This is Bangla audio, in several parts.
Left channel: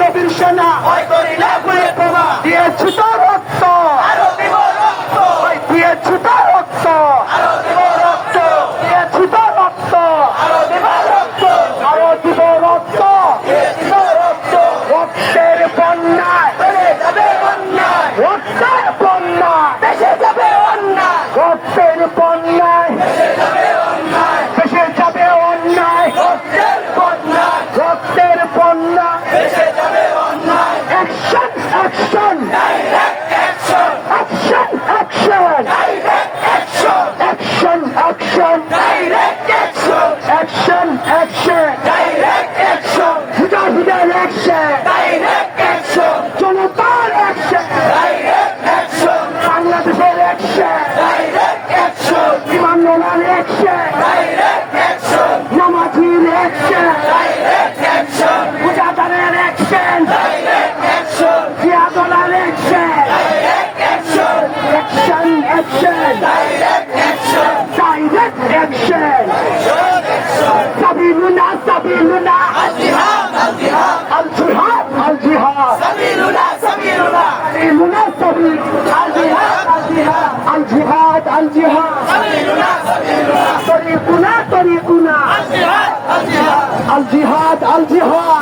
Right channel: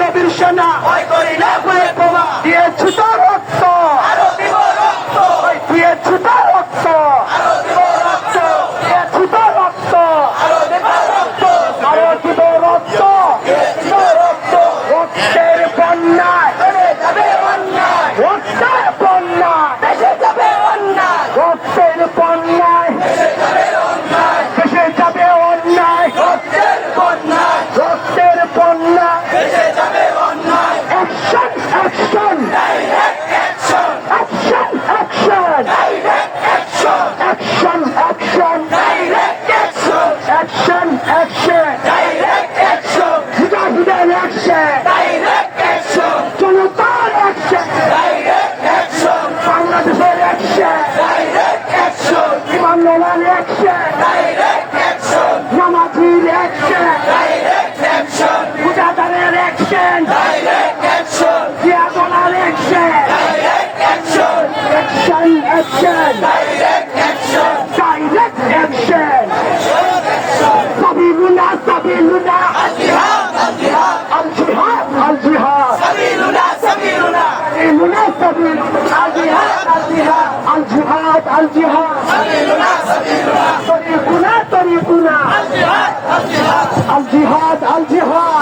নবীর সেনা দিয়েছি তো রক্ত। আরও action! Direct action! Direct action! Sabiluna, Sabiluna! Al-Jihad, Al-Jihad! Al-Jihad, Al-Jihad! Sabiluna, Sabiluna! Sabiluna, Sabiluna! Al-Jihad, Al-Jihad! Al-Jihad, Al-Jihad! Sabiluna, Sabiluna! Tariquna, Tariquna! Al-Jihad, Al-Jihad! Al-Jihad, Al-Jihad!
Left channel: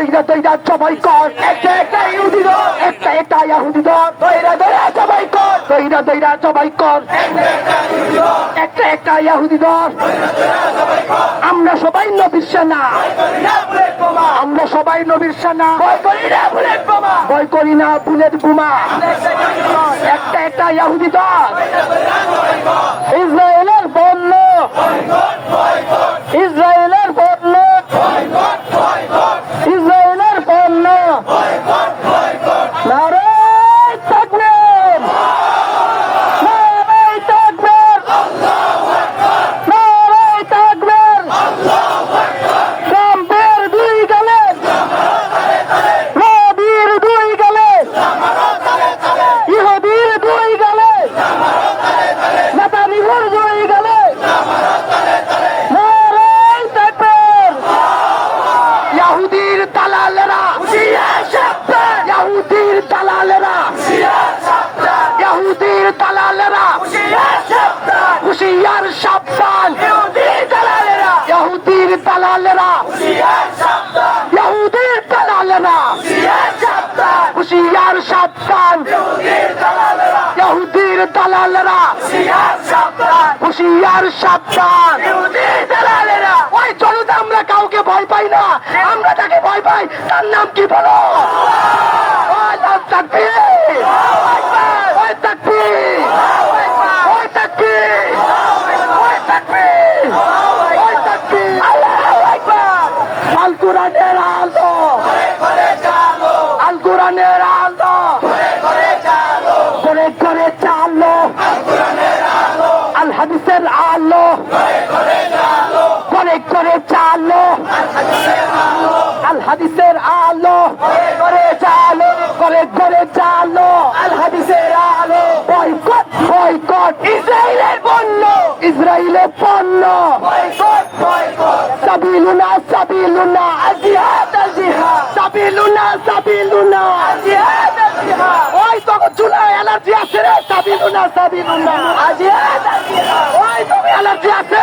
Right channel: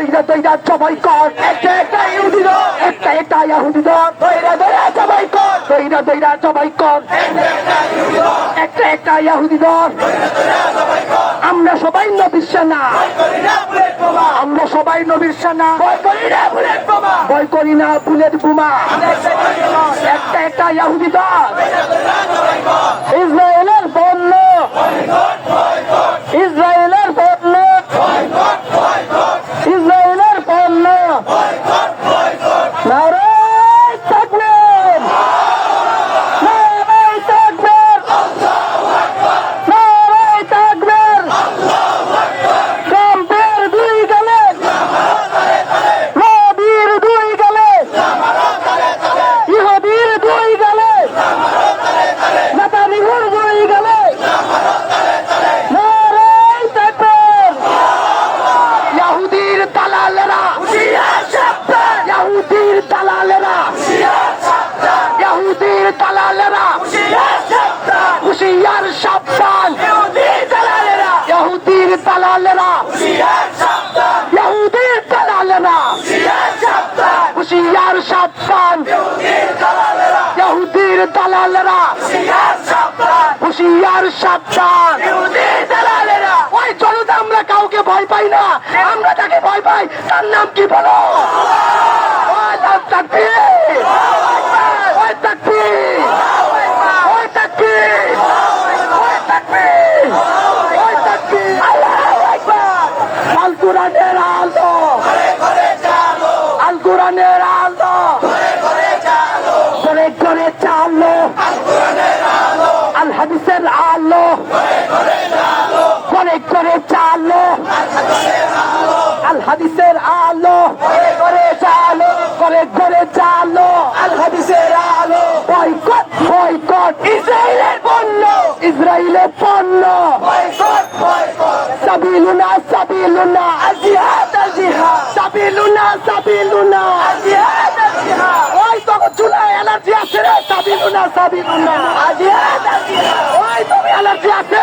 দইরা জবাই কর। একটা একটা ইহুদি ধর একটা একটা ইহুদি ধর দইরা দইরা জবাই কর। দইরা দইরা জবাই কর। একটা একটা ইহুদি ধর আমরা সবাই নবীর সেনা। আমরা সবাই নবীর সেনা। ভয় করি না বুলেট বোমা। ভয় করি না বুলেট বোমা। একটা একটা ইহুদি ধর ইসরায়েলের পণ্য ইসরায়েলের ইয়াহুদির দালালেরা হুশিয়ার সাবধান। ইয়াহুদির দালালেরা ইয়াহুদির দালালেরা হুশিয়ার সাবধান। ইয়াহুদির দালালেরা হুশিয়ার সাবধান। আমরা কাউকে ভয় পাই না। আমরা তাকে ভয় পাই, তার নাম কি বলো ওই তাকবীর ওই তাকবীর ওই তাকবীর আল্লাহু আকবার আল কোরআনের আলো আল কোরআনের আলো করে করে চালো আল হাদিসের আলো করে করে চালো আল হাদিসের আলো করে চালো করে করে চালো আল হাদিসের আলো। Boycott boycott. ইসরায়েলের পণ্য। ইসরায়েলের পণ্য। Boycott boycott. সাবিলুনা সাবিলুনা। আজিহাদ আজিহাদ সাবিলুনা সাবিলুনা। আজিহাদ আজিহাদ ওই তো চুলা এনার্জি আছে রে সাবিলুনা সাবিলুনা। আজিহাদ আজিহাদ ওই তো এনার্জি আছে।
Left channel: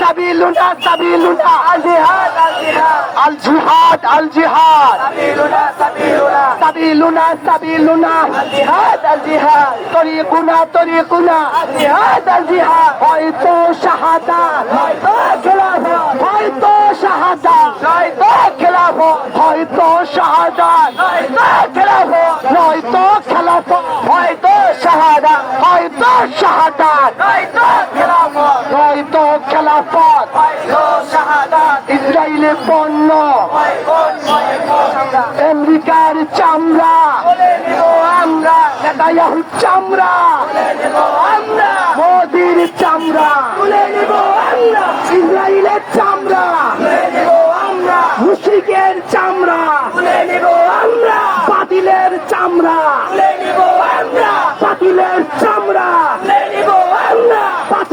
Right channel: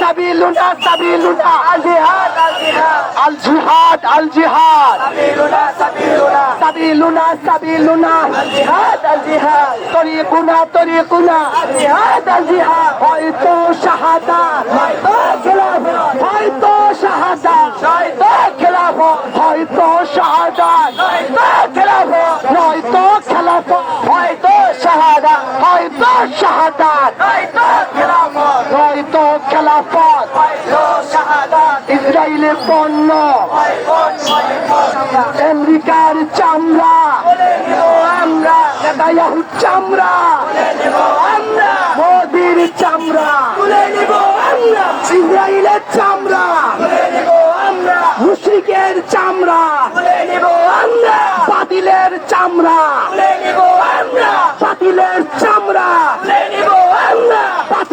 সাবিলুনা সাবিলুনা। আজিহাদ আজিহাদ আল জিহাদ আল জিহাদ। সাবিলুনা সাবিলুনা। সাবিলুনা সাবিলুনা আল জিহাদ আল জিহাদ তরিকুনা তরিকুনা। আল জিহাদ আল জিহাদ হয়তো শাহাদা, হয়তো খেলাফত হয়তো শাহাদা, হয়তো খেলাফত হয়তো শাহাদা, হয়তো খেলাফত হয়তো খেলাফত হয়তো ইসরায়েলের পণ্য আমেরিকার চামড়া। আমরা নেতায়াহু চামড়া। আমরা মোদির চামড়া। ইসরায়েলের চামড়া। মুশরিকের চামড়া। বাতিলের চামড়া। বাতিলের চামড়া।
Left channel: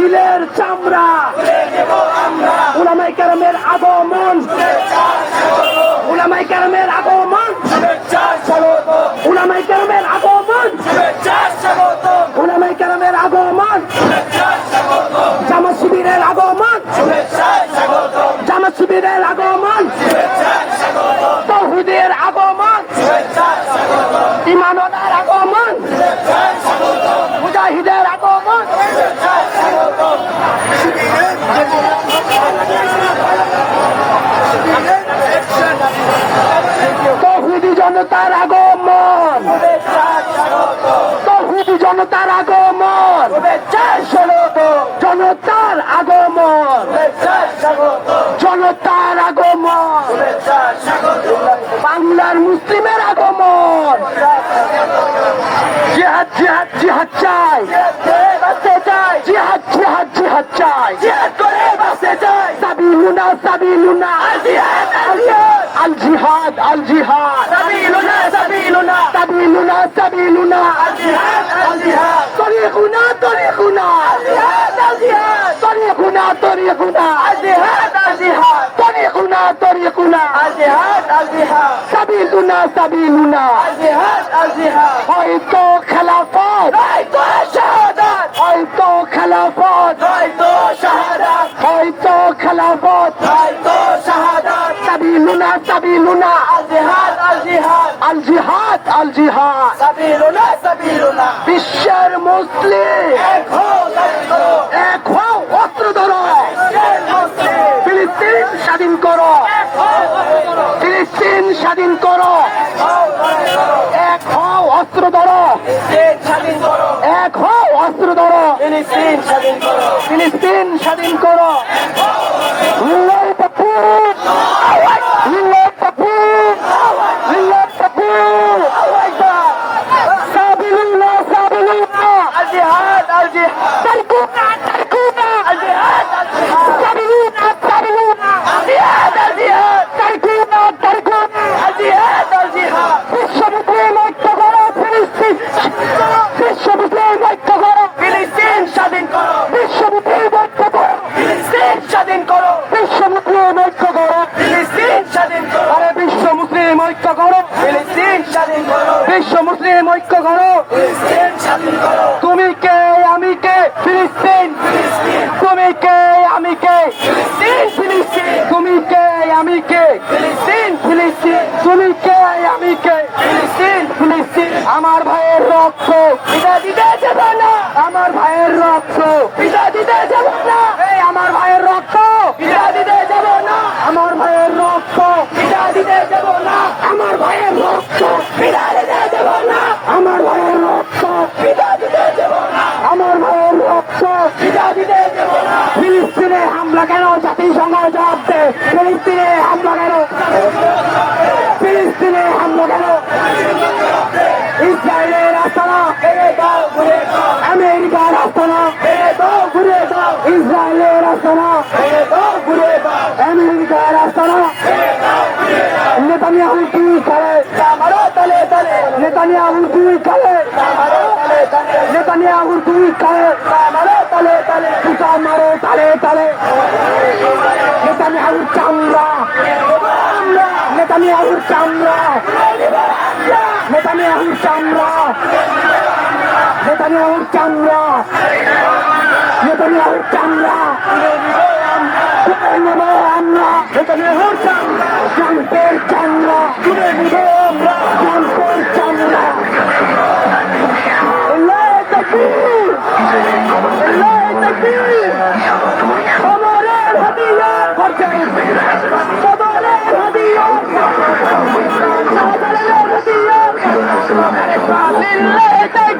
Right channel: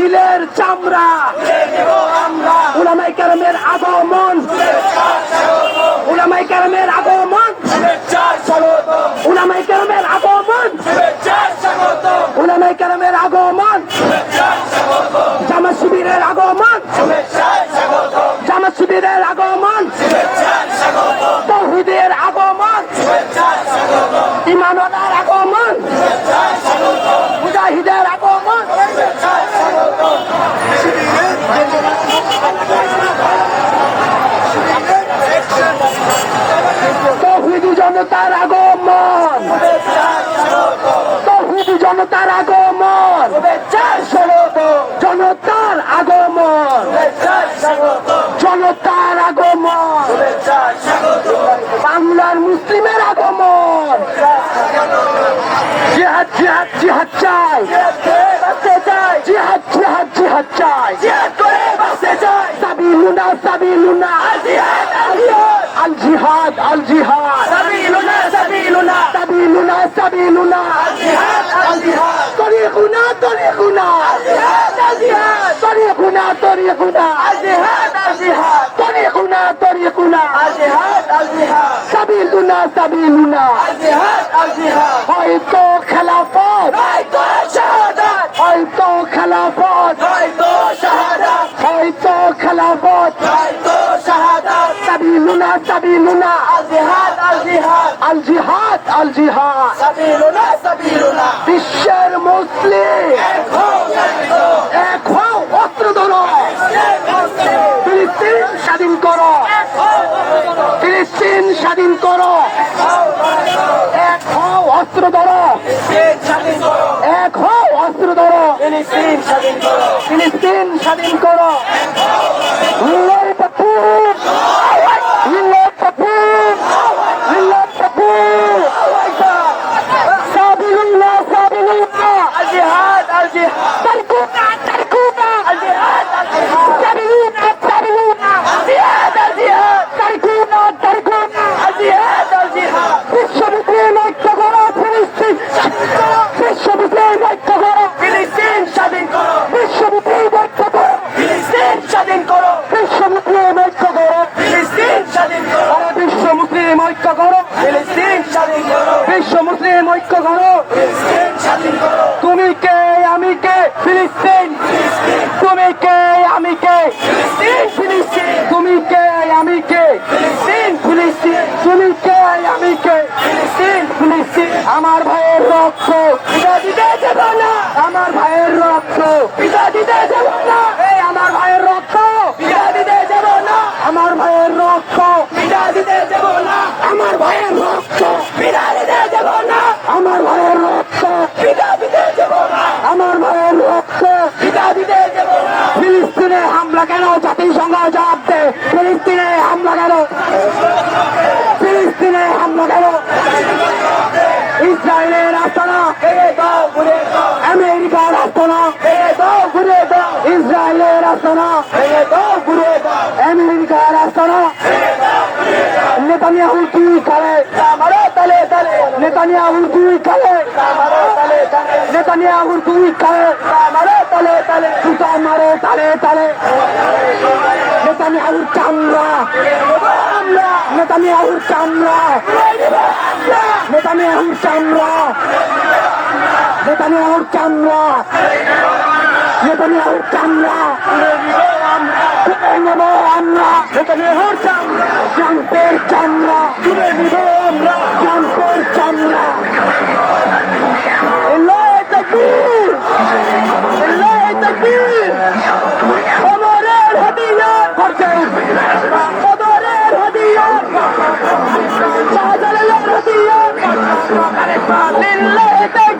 বাতিলের চামড়া। উলামাই কেরামের আগমন। উলামাই কেরামের আগমন। উলামাই কেরামের আগমন। উলামাই কেরামের আগমন। জামা শিবিরের আগমন। জামা শিবিরের আগমন। তৌহিদের আগমন। ইমানদার আগমন। মুজাহিদের আগমন। তৌহিদি জনতার আগমন। তৌহিদি জনতার আগমন। জনতার আগমন। জনতার আগমন। বাংলার মুসলিমের আগমন। জিহাদ জিহাদ জিহাদ চাই। জিহাদ জিহাদ জিহাদ চাই। জিহাদ করে জিহাদ চাই। সাবিলুনা সাবিলুনা। জিহাদ আল আল জিহাদ আল হয়তো খেলাফত। হয়তো শাহাদাত। হয়তো খেলাফত। হয়তো শাহাদাত। হয়তো খেলাফত। হয়তো শাহাদাত। سبيلنا سبيلنا الجهاد الجهاد الجهاد الجهاد سبيلنا سبيلنا বিশ্বের মুসলিম। এক হও এক হও অস্ত্র ধরো। ফিলিস্তিন স্বাধীন করো। ফিলিস্তিন স্বাধীন করো। এক হও, অস্ত্র ধরো। এক হও, অস্ত্র ধরো। ফিলিস্তিন স্বাধীন করো। তুমি কে? আমি কে? কেন জাতিসংঘ জবাব দেয় ফিলিস্তিনে হামলা করো। ফিলিস্তিনে হামলা করো। ইসরায়েলের আস্তানা। আমেরিকার আস্তানা। ইসরায়েলের আস্তানা। আমেরিকার আস্তানা। নেতানিয়াহু কি করে? নেতানিয়াহু কি করে? নেতানিয়াহু কি করে? তালে তালে তালে তালে তালে। সেখানে হরতাম জানতের চান্না তুলে নিব আমরা। জানতের চান্না لله